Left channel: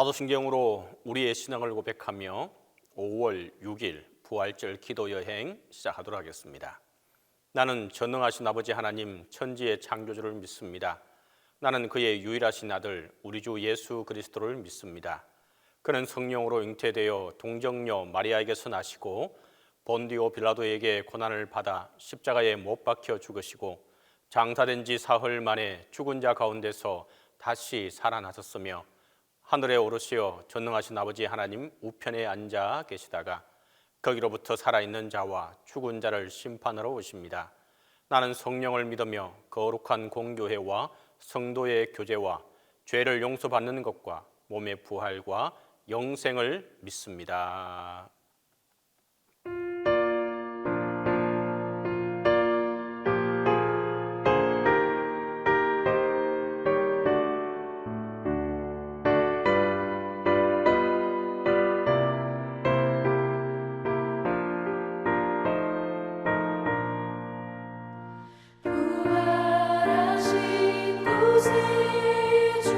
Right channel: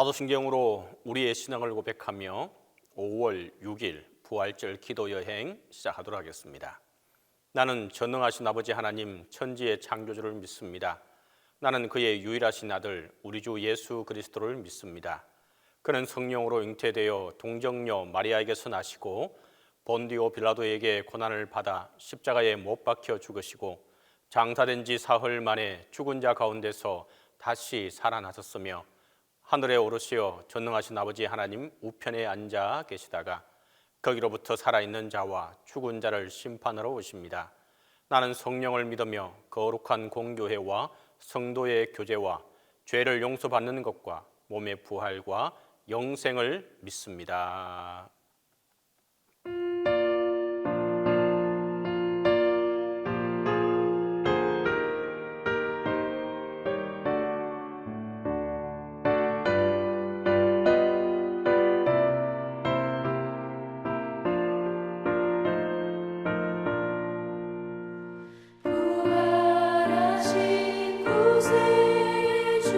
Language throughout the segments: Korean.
사도신경으로 우리의 신앙을 고백하며 5월 6일 부활절 기도 여행 시작하도록 하겠습니다. 나는 전능하신 아버지 하나님 천지의 창조주를 믿습니다. 나는 그의 유일하신 아들 우리 주 예수 그리스도를 믿습니다. 그는 성령으로 잉태되어 동정녀 마리아에게서 나시고 본디오 빌라도에게 고난을 받아 십자가에 못 박혀 죽으시고 장사된 지 사흘 만에 죽은 자 가운데서 다시 살아나셨으며 하늘에 오르시어 전능하신 아버지 하나님 우편에 앉아 계시다가 거기로부터 살아있는 자와 죽은 자를 심판하러 오십니다. 나는 성령을 믿으며 거룩한 공교회와 성도의 교제와 죄를 용서받는 것과 몸의 부활과 영생을 믿습니다. 부활하신 구세주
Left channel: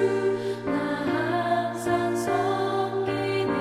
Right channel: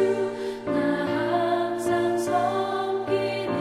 나 항상 섬기네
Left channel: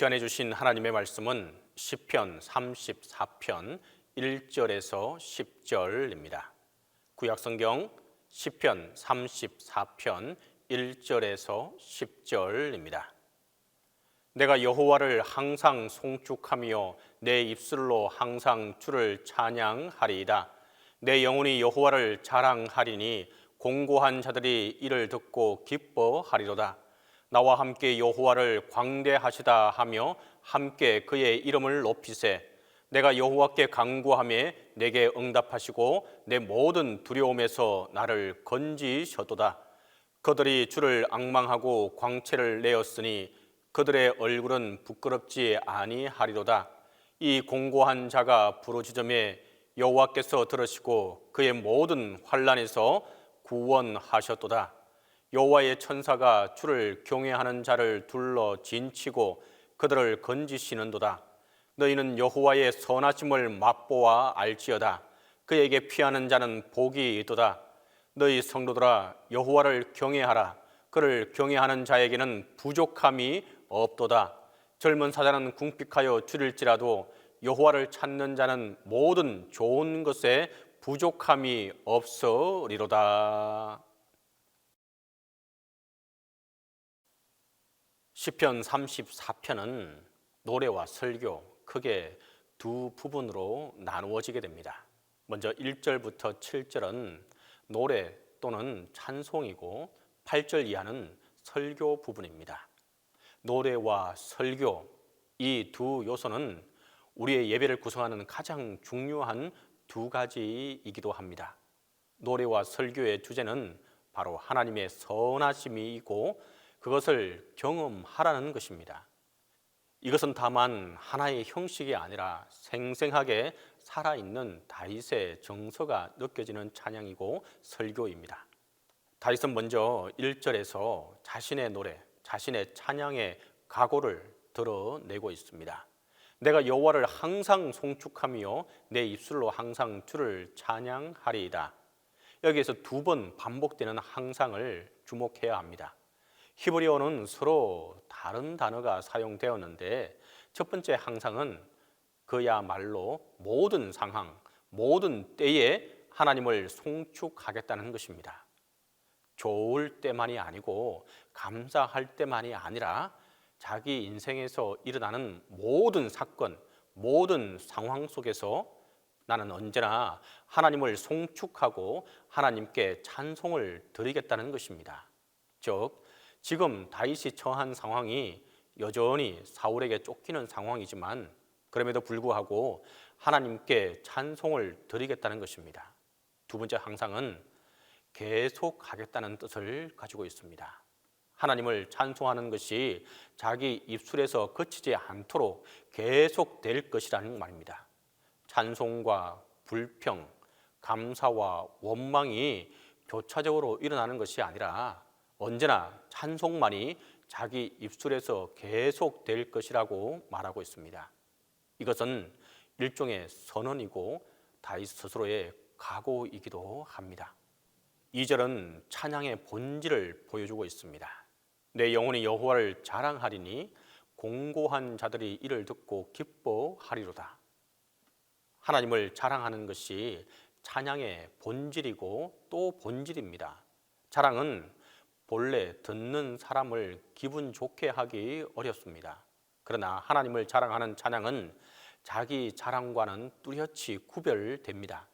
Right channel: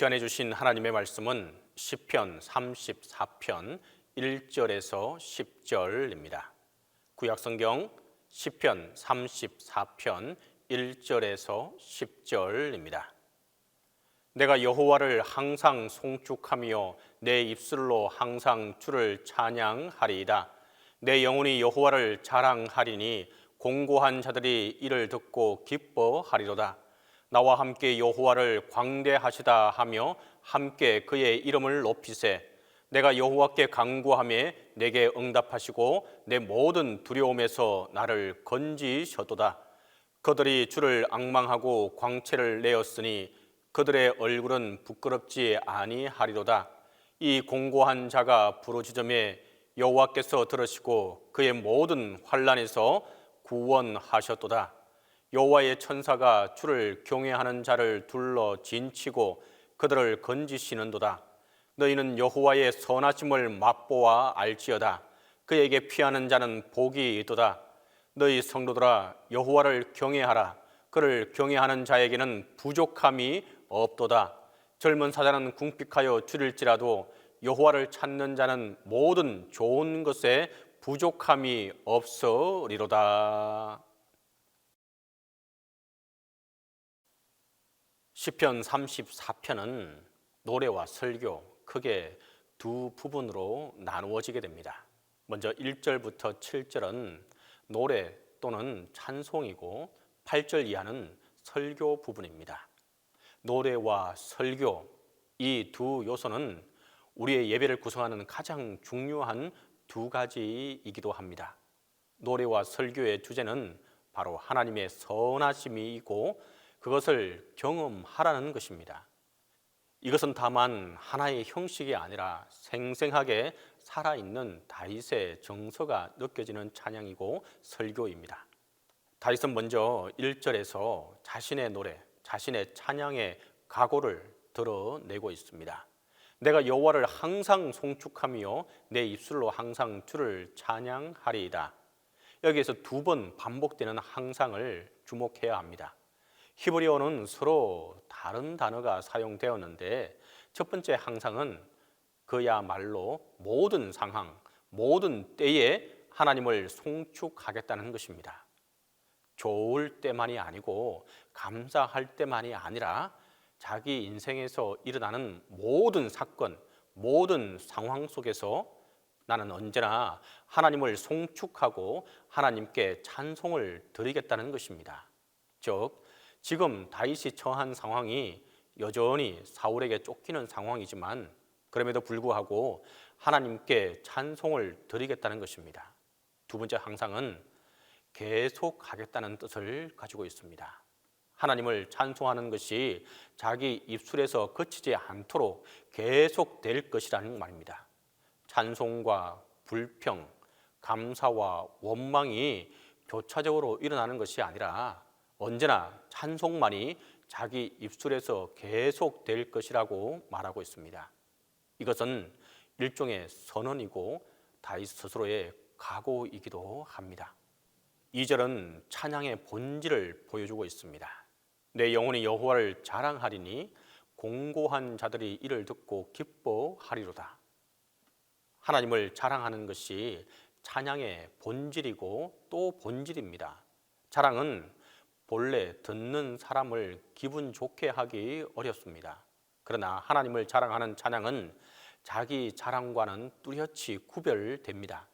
시간에 주신 하나님의 말씀은 시편 34편 1절에서 10절입니다. 구약성경 시편 34편 1절에서 10절입니다. 내가 여호와를 항상 송축하며 내 입술로 항상 주를 찬양하리이다. 내 영혼이 여호와를 자랑하리니 공고한 자들이 이를 듣고 기뻐하리로다. 나와 함께 여호와를 광대하시다 하며 함께 그의 이름을 높이세. 내가 여호와께 간구하며 내게 응답하시고 내 모든 두려움에서 나를 건지셨도다. 그들이 주를 앙망하고 광채를 내었으니 그들의 얼굴은 부끄럽지 아니하리로다. 이 공고한 자가 부르짖음에 여호와께서 들으시고 그의 모든 환난에서 구원하셨도다. 여호와의 천사가 주를 경외하는 자를 둘러 진치고 그들을 건지시는도다. 너희는 여호와의 선하심을 맛보아 알지어다. 그에게 피하는 자는 복이 있도다. 너희 성도들아 여호와를 경외하라. 그를 경외하는 자에게는 부족함이 없도다. 젊은 사자는 궁핍하여 줄일지라도 여호와를 찾는 자는 모든 좋은 것에 부족함이 없으리로다. 시편 34편은 노래와 설교 크게 두 부분으로 나누어지게 됩니다. 먼저 1절부터 7절은 노래 또는 찬송이고 8절 이하는 설교 부분입니다. 노래와 설교, 이 두 요소는 우리의 예배를 구성하는 가장 중요한 두 가지이기도 합니다. 노래와 설교의 주제는 바로 하나님의 선하심이고 그것을 경험하라는 것입니다. 이것은 다만 하나의 형식이 아니라 생생하게 살아있는 다윗의 정서가 느껴지는 찬양이고 설교입니다. 다윗은 먼저 1절에서 자신의 노래, 자신의 찬양의 각오를 드러내고 있습니다. 내가 여호와를 항상 송축하며 내 입술로 항상 주를 찬양하리이다. 여기에서 두 번 반복되는 항상을 주목해야 합니다. 히브리어는 서로 다른 단어가 사용되었는데 첫 번째 항상은 그야말로 모든 상황, 모든 때에 하나님을 송축하겠다는 것입니다. 좋을 때만이 아니고 감사할 때만이 아니라 자기 인생에서 일어나는 모든 사건, 모든 상황 속에서 나는 언제나 하나님을 송축하고 하나님께 찬송을 드리겠다는 것입니다. 즉 지금 다윗이 처한 상황이 여전히 사울에게 쫓기는 상황이지만 그럼에도 불구하고 하나님께 찬송을 드리겠다는 것입니다. 두 번째 항상은 계속하겠다는 뜻을 가지고 있습니다. 하나님을 찬송하는 것이 자기 입술에서 그치지 않도록 계속될 것이라는 말입니다. 찬송과 불평, 감사와 원망이 교차적으로 일어나는 것이 아니라 언제나 찬송만이 자기 입술에서 계속될 것이라고 말하고 있습니다. 이것은 일종의 선언이고 다윗 스스로의 각오이기도 합니다. 2절은 찬양의 본질을 보여주고 있습니다. 내 영혼이 여호와를 자랑하리니 공고한 자들이 이를 듣고 기뻐하리로다. 하나님을 자랑하는 것이 찬양의 본질이고 또 본질입니다. 자랑은 본래 듣는 사람을 기분 좋게 하기 어렵습니다. 그러나 하나님을 자랑하는 찬양은 자기 자랑과는 뚜렷이 구별됩니다.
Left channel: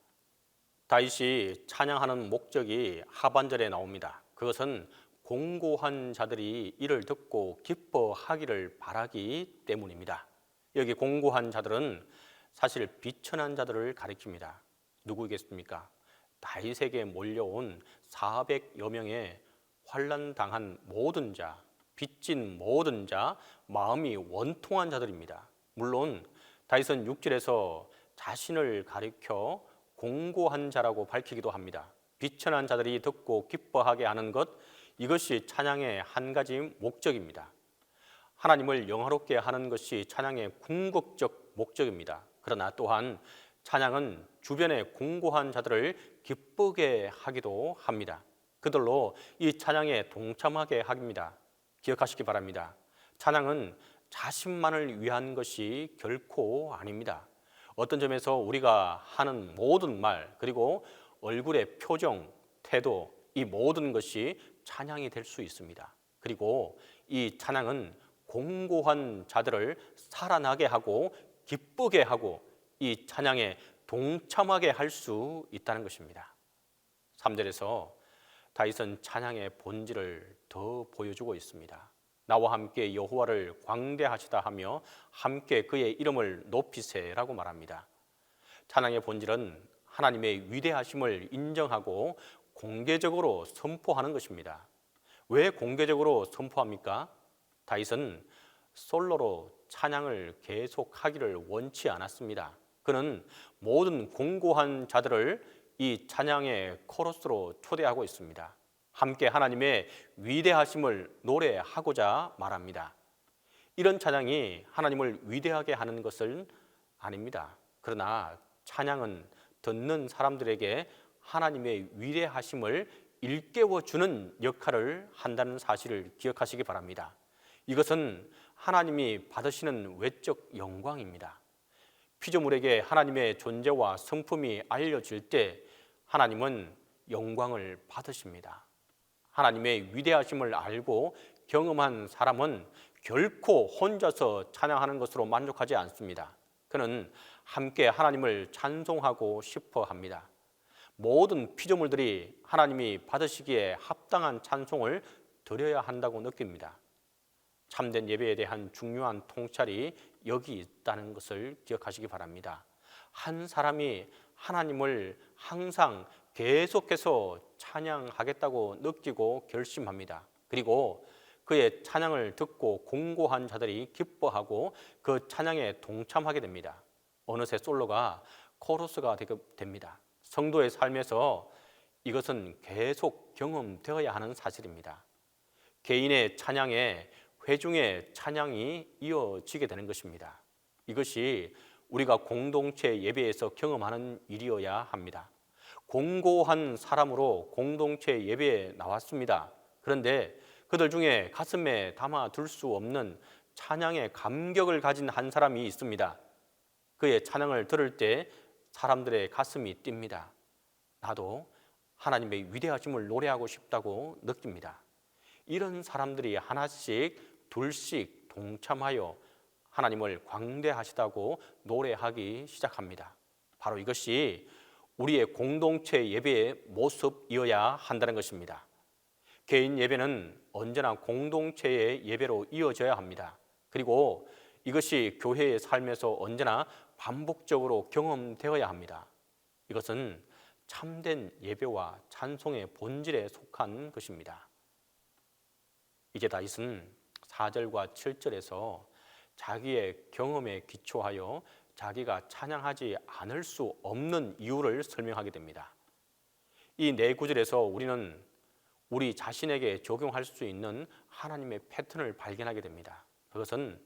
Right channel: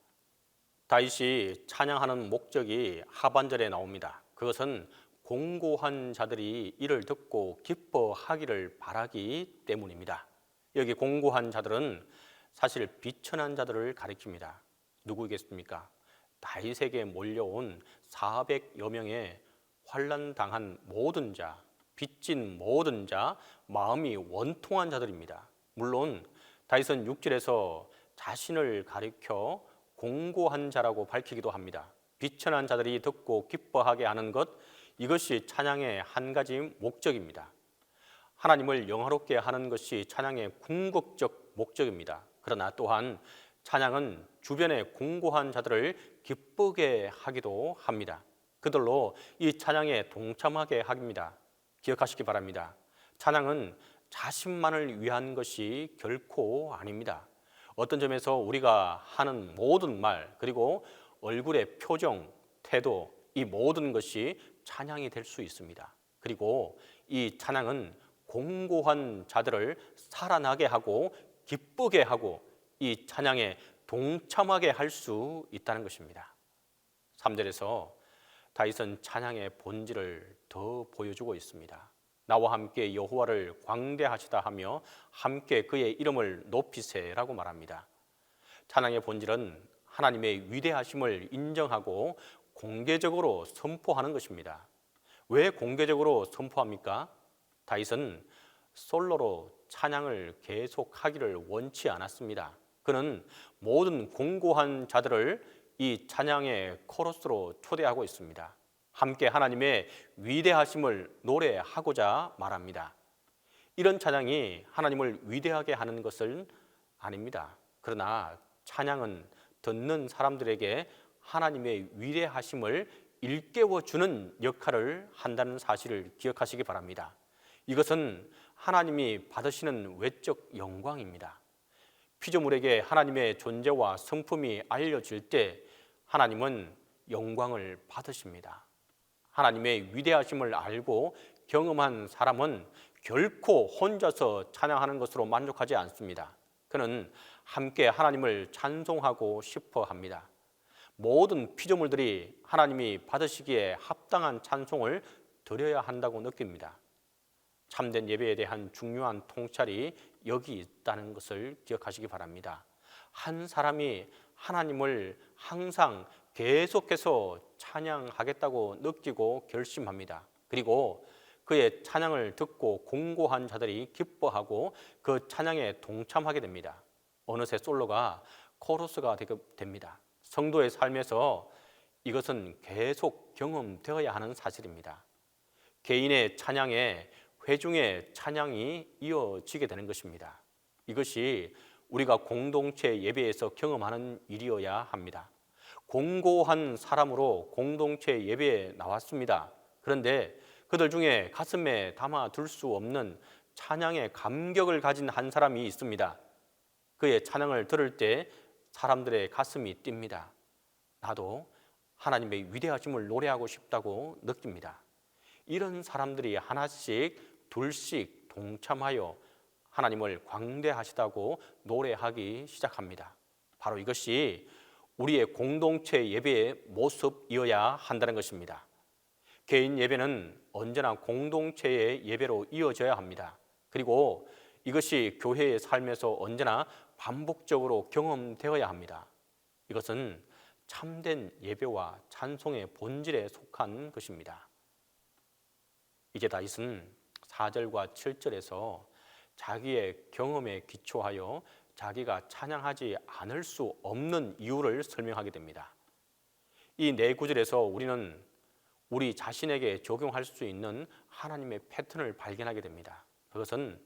다윗이 찬양하는 목적이 하반절에 나옵니다. 그것은 공고한 자들이 이를 듣고 기뻐하기를 바라기 때문입니다. 여기 공고한 자들은 사실 비천한 자들을 가리킵니다. 누구겠습니까? 다윗에게 몰려온 400여 명의 환난당한 모든 자, 빚진 모든 자, 마음이 원통한 자들입니다. 물론 다윗은 6절에서 자신을 가리켜 공고한 자라고 밝히기도 합니다. 비천한 자들이 듣고 기뻐하게 하는 것, 이것이 찬양의 한 가지 목적입니다. 하나님을 영화롭게 하는 것이 찬양의 궁극적 목적입니다. 그러나 또한 찬양은 주변의 공고한 자들을 기쁘게 하기도 합니다. 그들로 이 찬양에 동참하게 합니다. 기억하시기 바랍니다. 찬양은 자신만을 위한 것이 결코 아닙니다. 어떤 점에서 우리가 하는 모든 말, 그리고 얼굴의 표정, 태도, 이 모든 것이 찬양이 될 수 있습니다. 그리고 이 찬양은 공고한 자들을 살아나게 하고 기쁘게 하고 이 찬양에 동참하게 할 수 있다는 것입니다. 3절에서 다윗은 찬양의 본질을 더 보여주고 있습니다. 나와 함께 여호와를 광대하시다 하며 함께 그의 이름을 높이세라고 말합니다. 찬양의 본질은 하나님의 위대하심을 인정하고 공개적으로 선포하는 것입니다. 왜 공개적으로 선포합니까? 다윗은 솔로로 찬양을 계속하기를 원치 않았습니다. 그는 모든 공고한 자들을 이 찬양의 코러스로 초대하고 있습니다. 함께 하나님의 위대하심을 노래하고자 말합니다. 이런 찬양이 하나님을 위대하게 하는 것은 아닙니다. 그러나 찬양은 듣는 사람들에게 하나님의 위대하심을 일깨워주는 역할을 한다는 사실을 기억하시기 바랍니다. 이것은 하나님이 받으시는 외적 영광입니다. 피조물에게 하나님의 존재와 성품이 알려질 때 하나님은 영광을 받으십니다. 하나님의 위대하심을 알고 경험한 사람은 결코 혼자서 찬양하는 것으로 만족하지 않습니다. 그는 함께 하나님을 찬송하고 싶어 합니다. 모든 피조물들이 하나님이 받으시기에 합당한 찬송을 드려야 한다고 느낍니다. 참된 예배에 대한 중요한 통찰이 여기 있다는 것을 기억하시기 바랍니다. 한 사람이 하나님을 항상 계속해서 찬양하겠다고 느끼고 결심합니다. 그리고 그의 찬양을 듣고 공고한 자들이 기뻐하고 그 찬양에 동참하게 됩니다. 어느새 솔로가 코러스가 됩니다. 성도의 삶에서 이것은 계속 경험되어야 하는 사실입니다. 개인의 찬양에 회중의 찬양이 이어지게 되는 것입니다. 이것이 우리가 공동체 예배에서 경험하는 일이어야 합니다. 공고한 사람으로 공동체 예배에 나왔습니다. 그런데 그들 중에 가슴에 담아둘 수 없는 찬양의 감격을 가진 한 사람이 있습니다. 그의 찬양을 들을 때 사람들의 가슴이 뜁니다. 나도 하나님의 위대하심을 노래하고 싶다고 느낍니다. 이런 사람들이 하나씩 둘씩 동참하여 하나님을 광대하시다고 노래하기 시작합니다. 바로 이것이 우리의 공동체 예배의 모습이어야 한다는 것입니다. 개인 예배는 언제나 공동체의 예배로 이어져야 합니다. 그리고 이것이 교회의 삶에서 언제나 반복적으로 경험되어야 합니다. 이것은 참된 예배와 찬송의 본질에 속한 것입니다. 이제 다윗은 4절과 7절에서 자기의 경험에 기초하여 자기가 찬양하지 않을 수 없는 이유를 설명하게 됩니다. 이 네 구절에서 우리는 우리 자신에게 적용할 수 있는 하나님의 패턴을 발견하게 됩니다. 그것은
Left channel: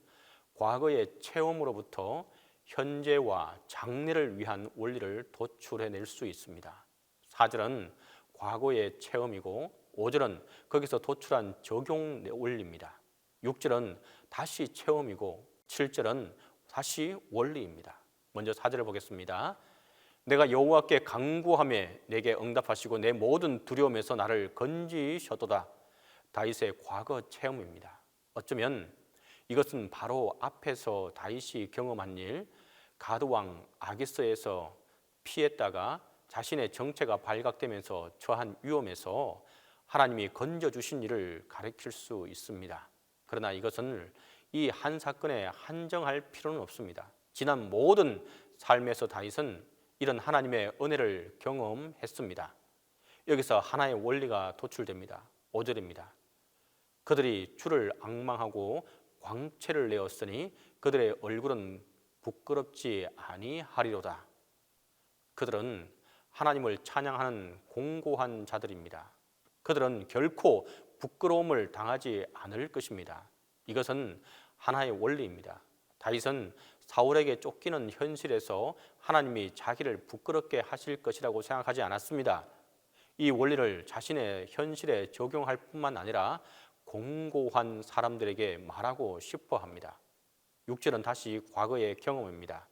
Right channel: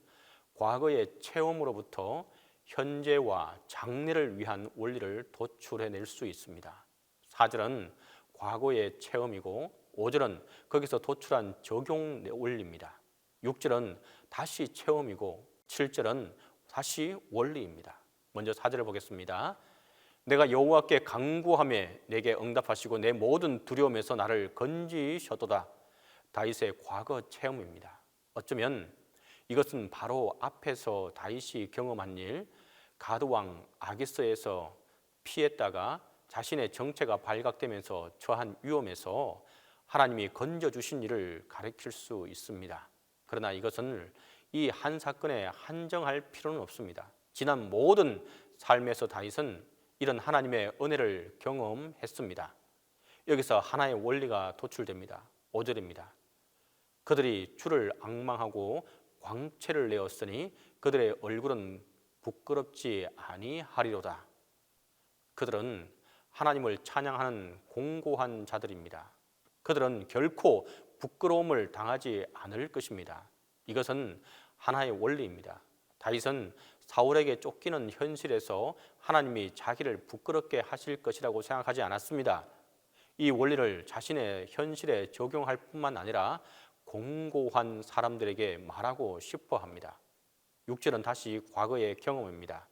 과거의 체험으로부터 현재와 장래를 위한 원리를 도출해낼 수 있습니다. 4절은 과거의 체험이고 5절은 거기서 도출한 적용 원리입니다. 6절은 다시 체험이고 7절은 다시 원리입니다. 먼저 4절을 보겠습니다. 내가 여호와께 간구하며 내게 응답하시고 내 모든 두려움에서 나를 건지셨도다. 다윗의 과거 체험입니다. 어쩌면 이것은 바로 앞에서 다윗이 경험한 일, 가드왕 아기스에서 피했다가 자신의 정체가 발각되면서 처한 위험에서 하나님이 건져주신 일을 가리킬 수 있습니다. 그러나 이것은 이 한 사건에 한정할 필요는 없습니다. 지난 모든 삶에서 다윗은 이런 하나님의 은혜를 경험했습니다. 여기서 하나의 원리가 도출됩니다. 5절입니다. 그들이 주를 앙망하고 광채를 내었으니 그들의 얼굴은 부끄럽지 아니하리로다. 그들은 하나님을 찬양하는 공고한 자들입니다. 그들은 결코 부끄러움을 당하지 않을 것입니다. 이것은 하나의 원리입니다. 다윗은 사울에게 쫓기는 현실에서 하나님이 자기를 부끄럽게 하실 것이라고 생각하지 않았습니다. 이 원리를 자신의 현실에 적용할 뿐만 아니라 공고한 사람들에게 말하고 싶어 합니다. 6절은 다시 과거의 경험입니다.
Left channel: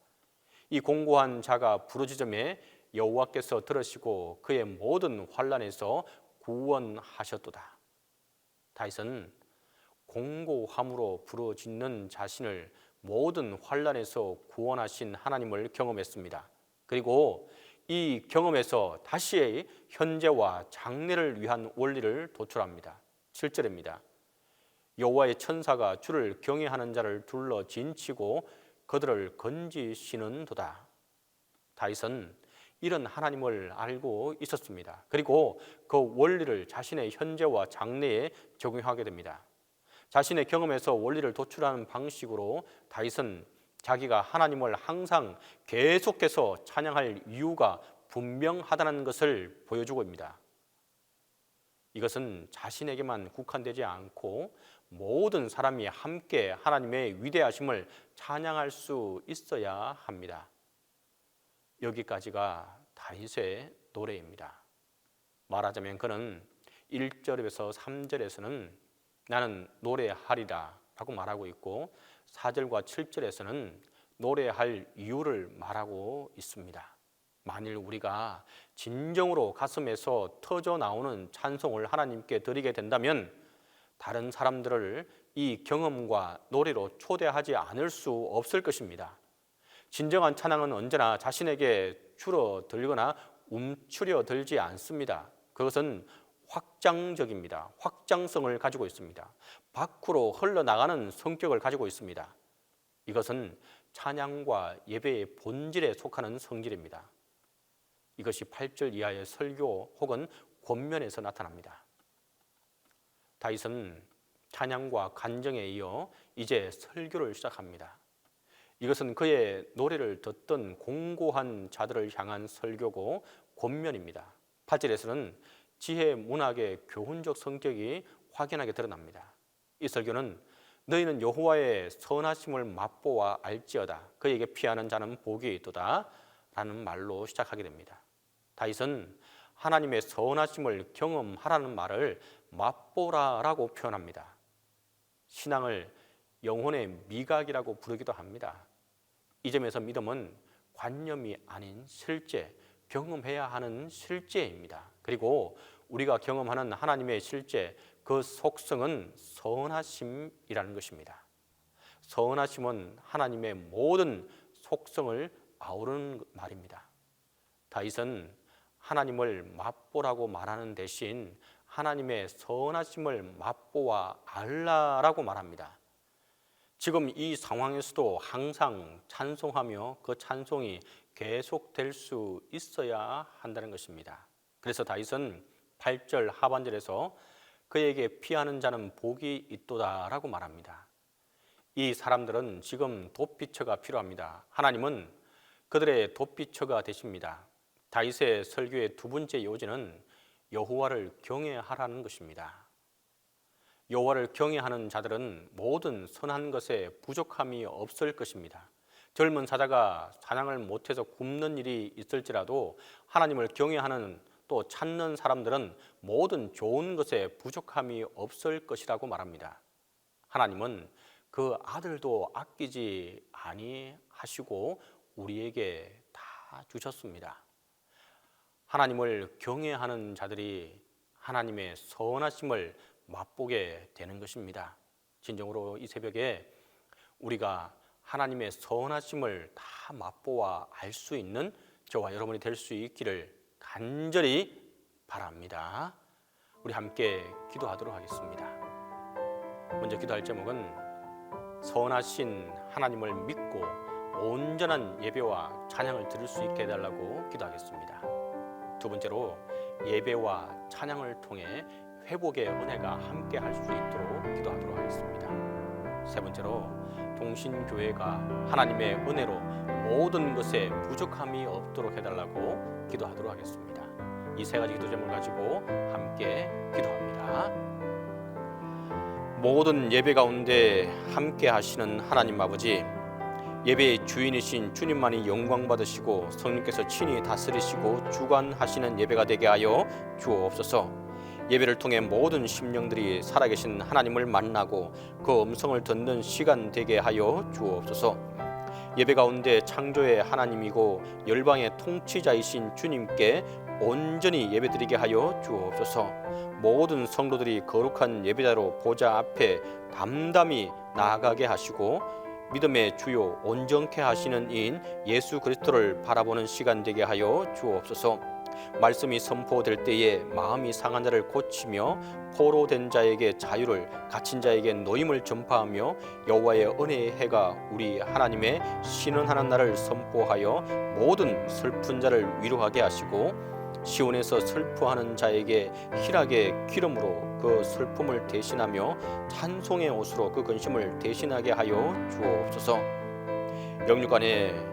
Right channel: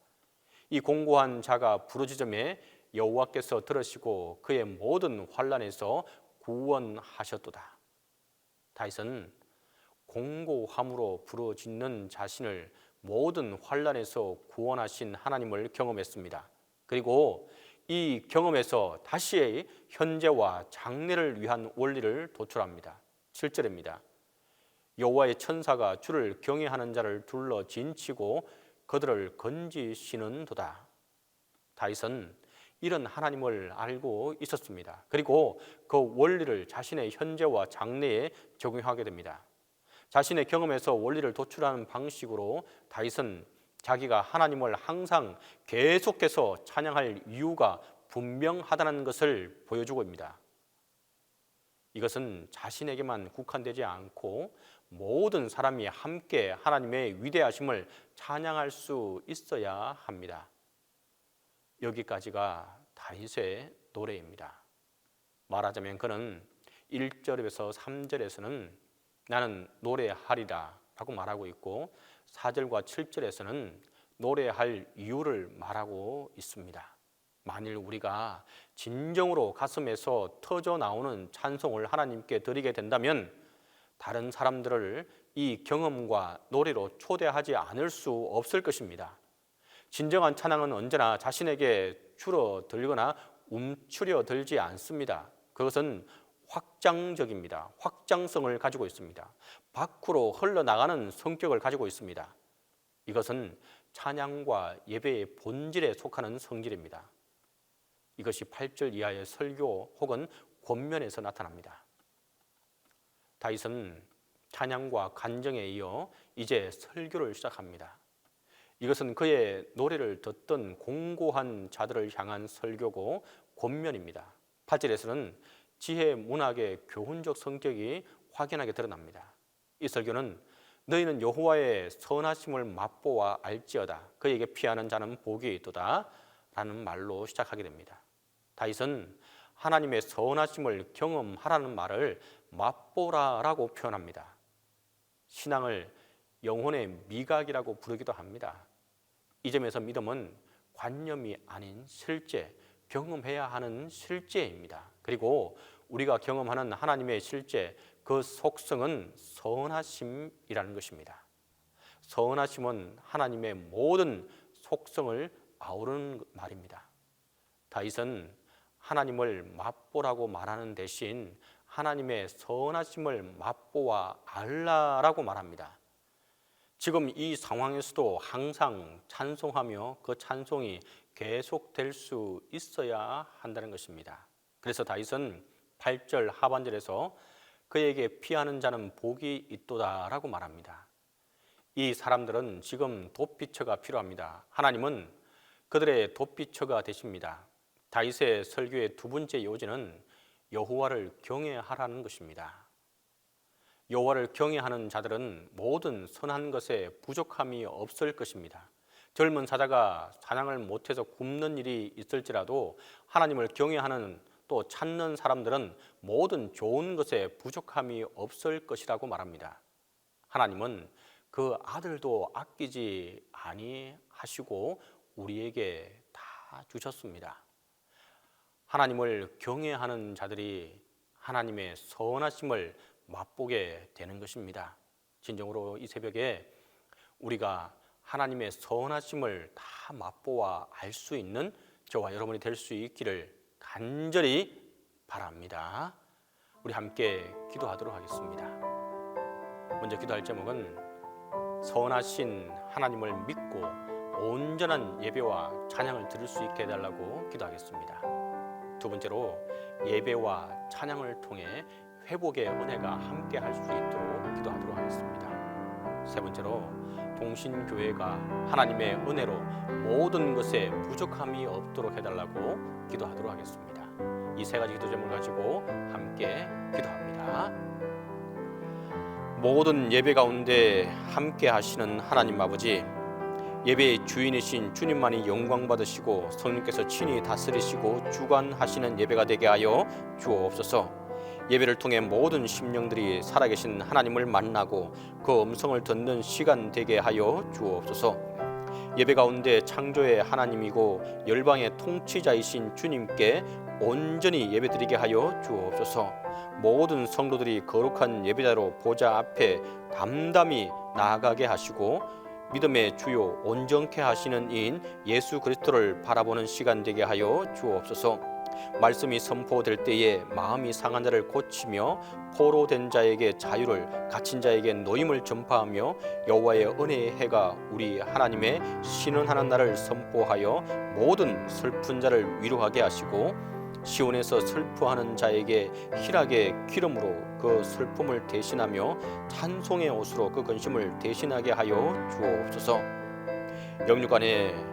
이 공고한 자가 부르짖음에 여호와께서 들으시고 그의 모든 환난에서 구원하셨도다. 다윗은 공고함으로 부르짖는 자신을 모든 환난에서 구원하신 하나님을 경험했습니다. 그리고 이 경험에서 다시 현재와 장래를 위한 원리를 도출합니다. 7절입니다. 여호와의 천사가 주를 경외하는 자를 둘러 진치고 그들을 건지시는도다. 다윗은 이런 하나님을 알고 있었습니다. 그리고 그 원리를 자신의 현재와 장래에 적용하게 됩니다. 자신의 경험에서 원리를 도출하는 방식으로 다윗은 자기가 하나님을 항상 계속해서 찬양할 이유가 분명하다는 것을 보여주고 있습니다. 이것은 자신에게만 국한되지 않고 모든 사람이 함께 하나님의 위대하심을 찬양할 수 있어야 합니다. 여기까지가 다윗의 노래입니다. 말하자면 그는 1절에서 3절에서는 나는 노래하리라 라고 말하고 있고 4절과 7절에서는 노래할 이유를 말하고 있습니다. 만일 우리가 진정으로 가슴에서 터져 나오는 찬송을 하나님께 드리게 된다면 다른 사람들을 이 경험과 노래로 초대하지 않을 수 없을 것입니다. 진정한 찬양은 언제나 자신에게 줄어들거나 움츠려들지 않습니다. 그것은 확장적입니다. 확장성을 가지고 있습니다. 밖으로 흘러나가는 성격을 가지고 있습니다. 이것은 찬양과 예배의 본질에 속하는 성질입니다. 이것이 8절 이하의 설교 혹은 권면에서 나타납니다. 다윗은 찬양과 간정에 이어 이제 설교를 시작합니다. 이것은 그의 노래를 듣던 공고한 자들을 향한 설교고 권면입니다. 8절에서는 지혜 문학의 교훈적 성격이 확연하게 드러납니다. 이 설교는 너희는 여호와의 선하심을 맛보아 알지어다. 그에게 피하는 자는 복이 있도다 라는 말로 시작하게 됩니다. 다윗은 하나님의 선하심을 경험하라는 말을 맛보라라고 표현합니다. 신앙을 영혼의 미각이라고 부르기도 합니다. 이 점에서 믿음은 관념이 아닌 실제, 경험해야 하는 실제입니다. 그리고 우리가 경험하는 하나님의 실제, 그 속성은 선하심이라는 것입니다. 선하심은 하나님의 모든 속성을 아우르는 말입니다. 다윗은 하나님을 맛보라고 말하는 대신 하나님의 선하심을 맛보아 알라라고 말합니다. 지금 이 상황에서도 항상 찬송하며 그 찬송이 계속될 수 있어야 한다는 것입니다. 그래서 다윗은 8절 하반절에서 그에게 피하는 자는 복이 있도다라고 말합니다. 이 사람들은 지금 도피처가 필요합니다. 하나님은 그들의 도피처가 되십니다. 다윗의 설교의 두 번째 요지는 여호와를 경외하라는 것입니다. 여호와를 경외하는 자들은 모든 선한 것에 부족함이 없을 것입니다. 젊은 사자가 사냥을 못해서 굶는 일이 있을지라도 하나님을 경외하는 또 찾는 사람들은 모든 좋은 것에 부족함이 없을 것이라고 말합니다. 하나님은 그 아들도 아끼지 아니하시고 우리에게 다 주셨습니다. 하나님을 경외하는 자들이 하나님의 선하심을 맛보게 되는 것입니다. 진정으로 이 새벽에 우리가 하나님의 선하심을 다 맛보아 알 수 있는 저와 여러분이 될 수 있기를 간절히 바랍니다. 우리 함께 기도하도록 하겠습니다. 먼저 기도할 제목은 선하신 하나님을 믿고 온전한 예배와 찬양을 드릴 수 있게 해달라고 기도하겠습니다. 두 번째로 예배와 찬양을 통해 회복의 은혜가 함께 할 수 있도록 기도하도록 하겠습니다. 세 번째로 동신교회가 하나님의 은혜로 모든 것에 부족함이 없도록 해달라고 기도하도록 하겠습니다. 이 세 가지 기도 제목을 가지고 함께 기도합니다. 모든 예배 가운데 함께 하시는 하나님 아버지, 예배의 주인이신 주님만이 영광 받으시고 성령께서 친히 다스리시고 주관하시는 예배가 되게 하여 주옵소서. 예배를 통해 모든 심령들이 살아계신 하나님을 만나고 그 음성을 듣는 시간 되게 하여 주옵소서. 예배 가운데 창조의 하나님이고 열방의 통치자이신 주님께 온전히 예배드리게 하여 주옵소서. 모든 성도들이 거룩한 예배자로 보좌 앞에 담담히 나아가게 하시고 믿음의 주요 온전케 하시는 이인 예수 그리스도를 바라보는 시간 되게 하여 주옵소서. 말씀이 선포될 때에 마음이 상한 자를 고치며 포로된 자에게 자유를, 갇힌 자에게 노임을 전파하며 여호와의 은혜의 해가 우리 하나님의 신원하는 날을 선포하여 모든 슬픈 자를 위로하게 하시고 시온에서 슬퍼하는 자에게 희락의 기름으로 그 슬픔을 대신하며 찬송의 옷으로 그 근심을 대신하게 하여 주옵소서. 영육간의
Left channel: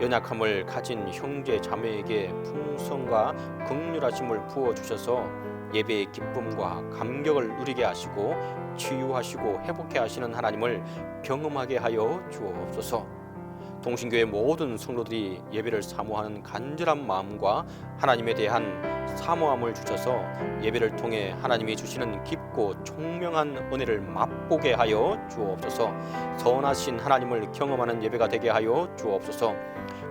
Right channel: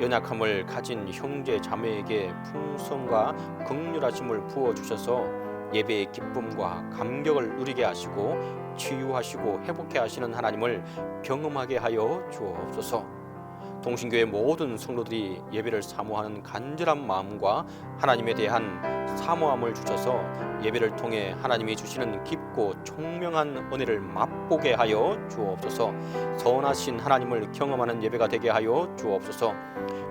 연약함을 가진 형제 자매에게 풍성과 긍휼하심을 부어주셔서 예배의 기쁨과 감격을 누리게 하시고 치유하시고 회복해 하시는 하나님을 경험하게 하여 주옵소서. 동신교회 모든 성도들이 예배를 사모하는 간절한 마음과 하나님에 대한 사모함을 주셔서 예배를 통해 하나님이 주시는 깊고 총명한 은혜를 맛보게 하여 주옵소서. 선하신 하나님을 경험하는 예배가 되게 하여 주옵소서.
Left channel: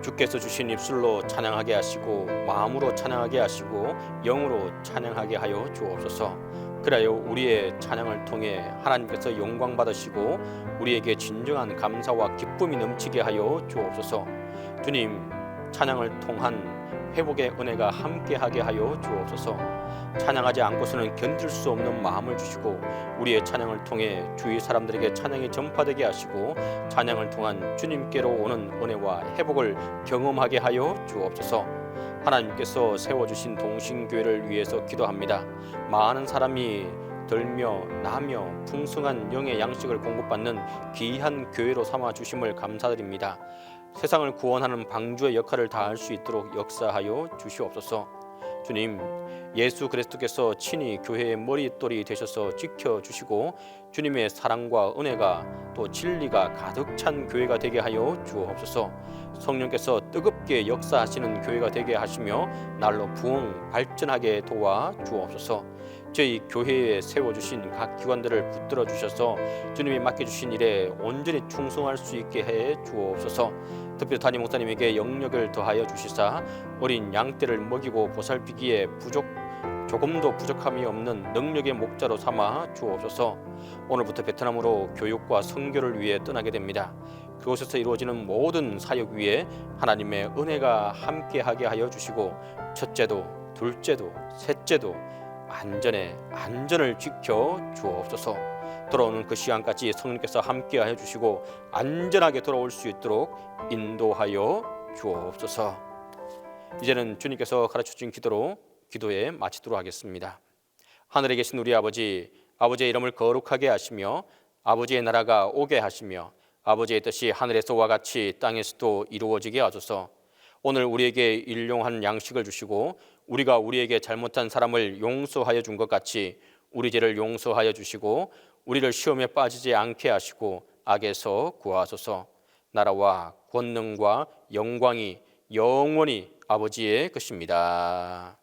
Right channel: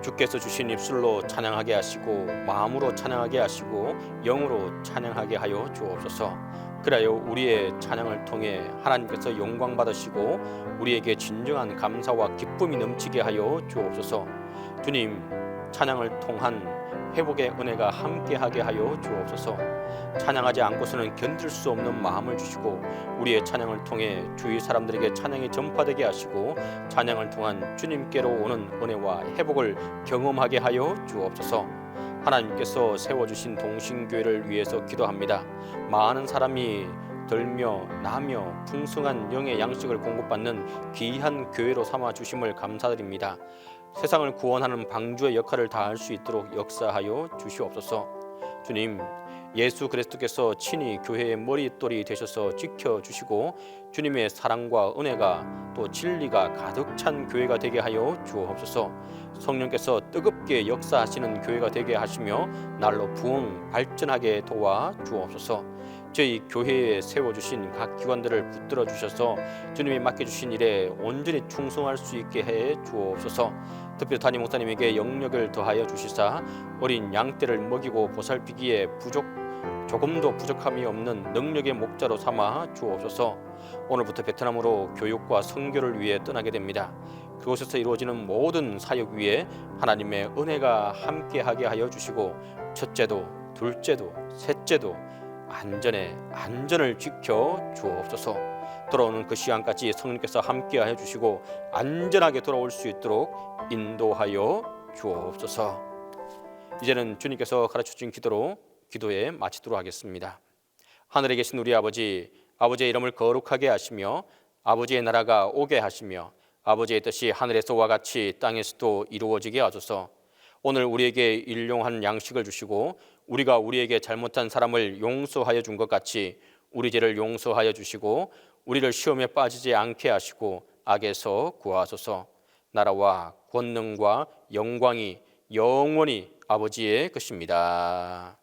주께서 주신 입술로 찬양하게 하시고 마음으로 찬양하게 하시고 영으로 찬양하게 하여 주옵소서. 그래야 우리의 찬양을 통해 하나님께서 영광 받으시고 우리에게 진정한 감사와 기쁨이 넘치게 하여 주옵소서. 주님, 찬양을 통한 회복의 은혜가 함께하게 하여 주옵소서. 찬양하지 않고서는 견딜 수 없는 마음을 주시고 우리의 찬양을 통해 주위 사람들에게 찬양이 전파되게 하시고 찬양을 통한 주님께로 오는 은혜와 회복을 경험하게 하여 주옵소서. 하나님께서 세워주신 동신교회를 위해서 기도합니다. 많은 사람이 들며 나며 풍성한 영의 양식을 공급받는 귀한 교회로 삼아 주심을 감사드립니다. 세상을 구원하는 방주의 역할을 다할 수 있도록 역사하여 주시옵소서. 주님, 예수 그리스도께서 친히 교회의 머릿돌이 되셔서 지켜주시고 주님의 사랑과 은혜가 또 진리가 가득 찬 교회가 되게 하여 주옵소서. 성령께서 뜨겁게 역사하시는 교회가 되게 하시며 날로 부흥 발전하게 도와 주옵소서. 저희 교회에 세워주신 각 기관들을 붙들어 주셔서 주님이 맡겨주신 일에 온전히 충성할 수 있게 해 주옵소서. 특별히 담임 목사님에게 영력을 더하여 주시사 어린 양떼를 먹이고 보살피기에 조금도 부족함이 없는 능력의 목자로 삼아 주옵소서. 오늘부터 베트남으로 교육과 선교를 위해 떠나게 됩니다. 그곳에서 이루어지는 모든 사역 위에 하나님의 은혜가 함께하게 하여 주시고 첫째도 둘째도 셋째도 안전을 지켜 주옵소서. 돌아오는 그 시간까지 성령께서 함께하여 주시고 안전하게 돌아올 수 있도록 인도하여 주옵소서. 이제는 주님께서 가르쳐주신 기도로 기도에 마치도록 하겠습니다. 하늘에 계신 우리 아버지, 아버지의 이름을 거룩하게 하시며 아버지의 나라가 오게 하시며 아버지의 뜻이 하늘에서와 같이 땅에서도 이루어지게 하소서. 오늘 우리에게 일용할 양식을 주시고 우리가 우리에게 잘못한 사람을 용서하여 준 것 같이 우리 죄를 용서하여 주시고 우리를 시험에 빠지지 않게 하시고 악에서 구하소서. 나라와 권능과 영광이 영원히 아버지의 것입니다.